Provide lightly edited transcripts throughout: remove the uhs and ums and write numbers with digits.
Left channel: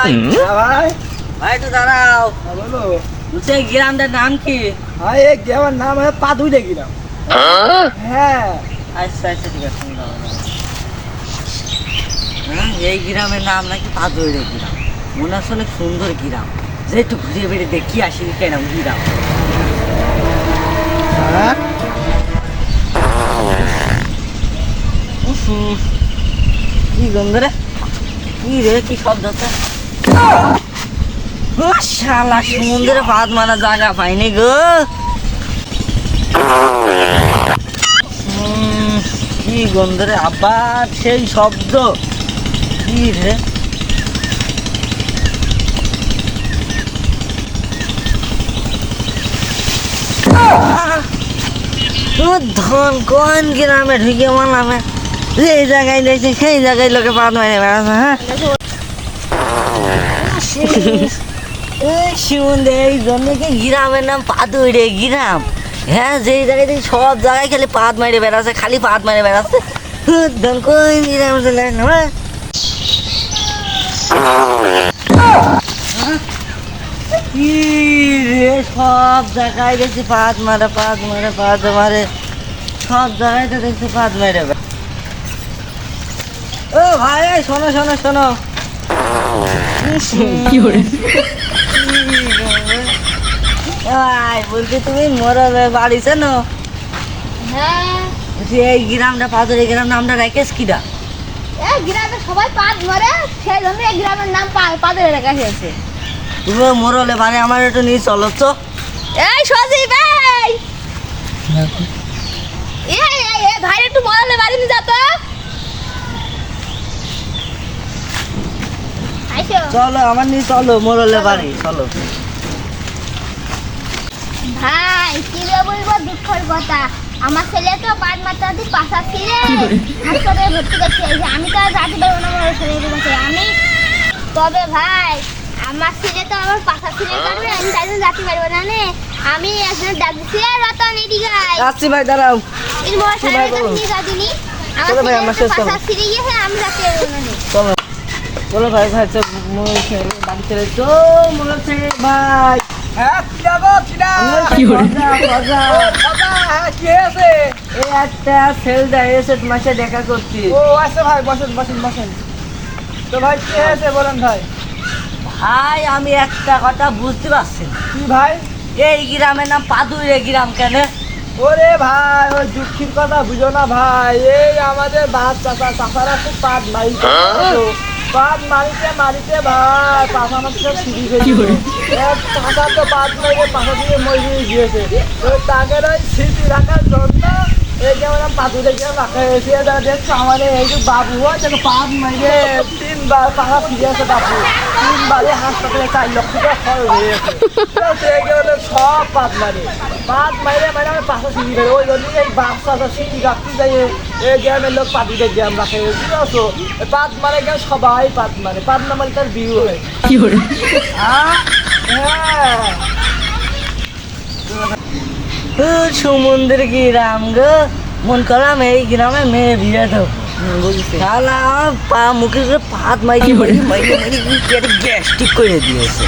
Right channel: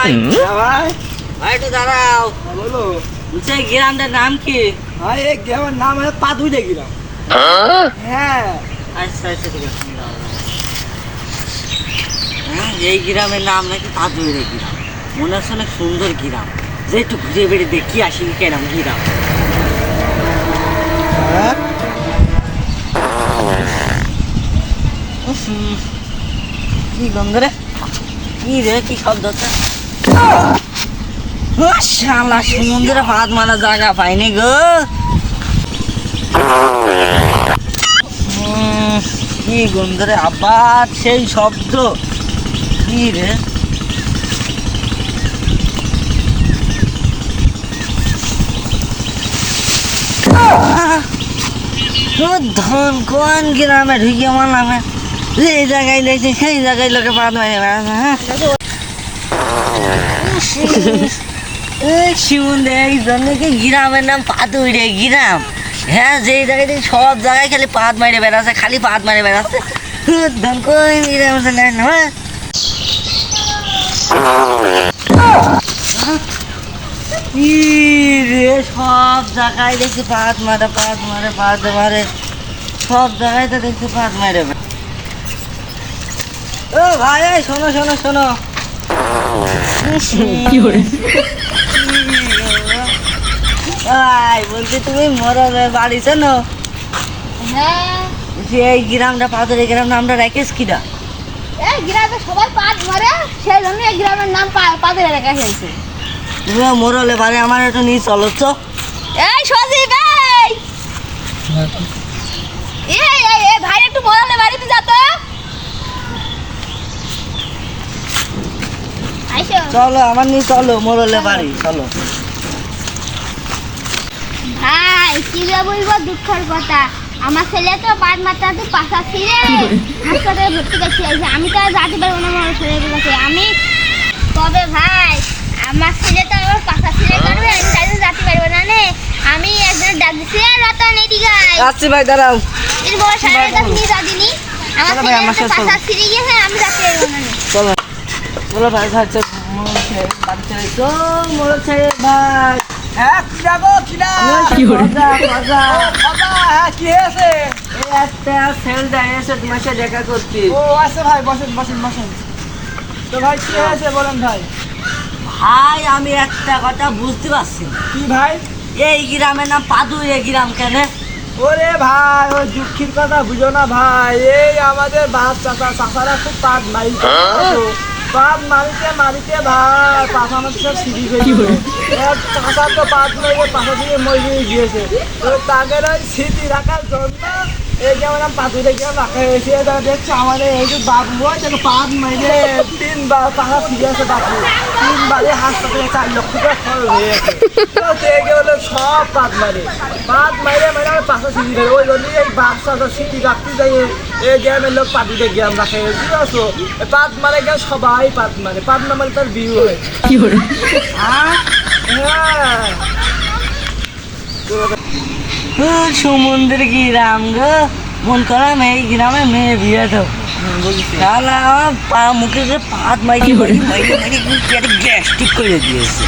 ভাই ভাই ভাই একটু দাঁড়াও। বলো। বলছি এই গ্রামটার নাম কি? ভাই এই গ্রামের নাম হলো পাদুইরে গ্রাম। হ্যাঁ আচ্ছা আচ্ছা ঠিক আছে হ্যাঁ, এই গ্রামের নাম নাকি পাদুইরে গ্রাম। মনে হচ্ছে অনেক সুন্দর গ্রাম, যে একটু ঘুরে বেড়ে দেখি আসি কেরাম গ্রাম। কি গন্ধ রে, কি রে, কি শব্দ হচ্ছে? ও শালা, সমুদ্রে ভাত মারা জায়গা পাইনি গো। কি গন্ধ রে, আবার সেই শব্দ, কি রে? ধন কোন গ্রামে ঢুকে মানামে, যে জায়গায় দেখছি সেই জায়গায় লোকে পাত মারে বেড়াচ্ছে। হ্যাঁ শিমুন্দে, এই জন্য কি গ্রামের নাম পাদুইরে গ্রাম। হ্যাঁ, যে জায়গায় দেখি সব জায়গায় খালি পাত মারে বেড়াচ্ছে, খালি পাত মারে বেড়াচ্ছে। ধন কোন গ্রাম কি রে, সব জায়গায় দেখছি পাত মারে পাত মারে পাত মারে, সব জায়গায় তো দেখছি পাত মারে। ও ভাই, এই শোনো শোনো শোনো, বলছি তুমি মোরালের বাড়ি চেনো? হ্যাঁ, যে এই গ্রামটা পাদুরে গ্রাম নামটা রাখিস কিনা? এই গ্রামে সবাই পাট মারে, সেই জন্য এই গ্রামের নাম পাদের এলাকা হয়েছে। তুমি মোরালের বাড়ি আমার একটু নিয়ে চলো তো। এই সজীব, এই ভাই একটু মোরালে বাড়ি নিয়ে যা তো। আইসো চলো আমার নিয়ে চলো মোরালের বাড়ি, চলো। ভাই, কি রে বলবো দুঃখের কথা, আমার ছেলে তো পাট মারতে তো পাশা ছিঁড়ে হাসপাতালে ভর্তি করতে হয়েছে। আমি তো আর যেতে পারবো না বড় ছেলের কাছে। আমি তবে ভাই, আমার ছেলে তো আমার পাশা ছিঁড়ে কারণে আমি তাই জন্য যেতে পারবো না নে। আমি একজনের ডাক দিচ্ছি, রতন এদিকে আয়। আসছি ভাই, দাঁড়াও। এর বড় সাহেবের কাছে নিয়ে যা দিনি, আমার চলো ভাই, আমার ছেলের সাথে পাশা ছিঁড়ে গিয়েছে, আমি যেতে পারবো না নে। চলো চলো ভাই, ভাই চল, মোরল ছেড়ে বাড়ি ছেড়ে চল, মোরল ছেড়ে ভাই। হ্যাঁ কিনা গো কিনা। কি করে বাবা, হ্যাঁ কি হয়েছে? এই একটা ছেলেটা এসে তোমার সাথে দেখা করছি। ও আচ্ছা ভাই, বসেন বসেন বসেন। তো ভাই কি হয়েছে বলেন ভাই। ভাই আমি একটা কথা বুঝতে পারছি না, কি ভাই? এই গ্রামের নাম পাদুইরে গ্রাম কেন? ওরে ভাই, ওই দুঃখের কথা বুঝো না ভাই। এই আমাদের বাপ চাচারা খুব পাট মারিতে, পাট মারিতে মারিতে ভাই পাশা আমাদের সব সিঁড়ি হয়েছে। চাচা তো পাট মারিতে পাশা থেকে মরে গিয়েছে। তো তাদের ওই স্মৃতি রাখার জন্য এই যেমন পাতুরে গিয়ে রাখা হয়েছে। দেখছো আমাদের এই যে বাবু দেখো পাট মারিতে 3বার পাশা ফিরে আছে। বাবু 3বারে হাসপাতালে 4 লক্ষ টাকা খরচ হয়েছে। সব পাট মারে মানে আমার পাশা সিঁড়ি ধরে, ওই জন্য এই বাচ্চা সিঁড়ি রাখতে যাই এই গ্রামের লোক পাতুরে গ্রাম রাখে। বুঝতে পারছো? পাট মারে গেলে সবাই পাট মারে, পাট না মারে তার বিয়ে হয়। কি করে? হ্যাঁ সমুদ্রের গ্রাম গো, মন করলাম এই গ্রামে মেয়ে বিয়ে তো শালা পা মুখে পাত মাইকে গ্যাস্ট্রিক করে দিয়েছে।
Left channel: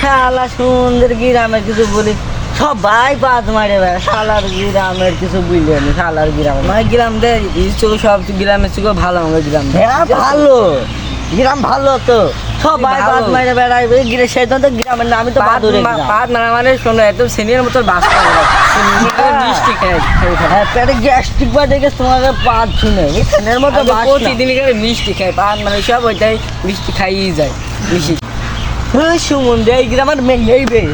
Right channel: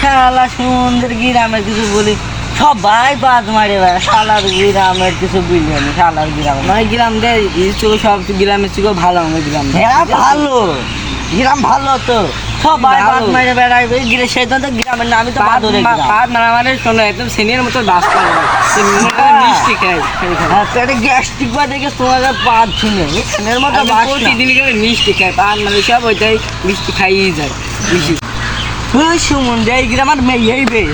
শালা সমুদ্রের গ্রামের কিছু বলি, সবাই পাত মারে বেড়া। শালার গ্রামের কিছু বুঝলি না, শালার গ্রাম মানে গ্রাম দেয় সব গ্রামের থেকে ভালো আমাদের গ্রাম। হ্যাঁ ভালো গ্রাম, ভালো তো সবাই পাত মারে বেড়ায়। সেই তো গ্রামের নামই তো পাদুরে গ্রাম। পাট মারা মানে শোনো একদম সিনিয়র মতো বাস করে মিষ্টি খাই। হ্যাঁ পেটে গ্যাস্ট্রিক বা দেখে তোমাকে পাত শুনে এর মতো প্রতিদিন করে মিষ্টি খাই, পাট মানে সব ওইটাই মিষ্টি খাইয়ে যায় বেশি। সুমন এই গ্রামের মেয়ে এই বেয়ে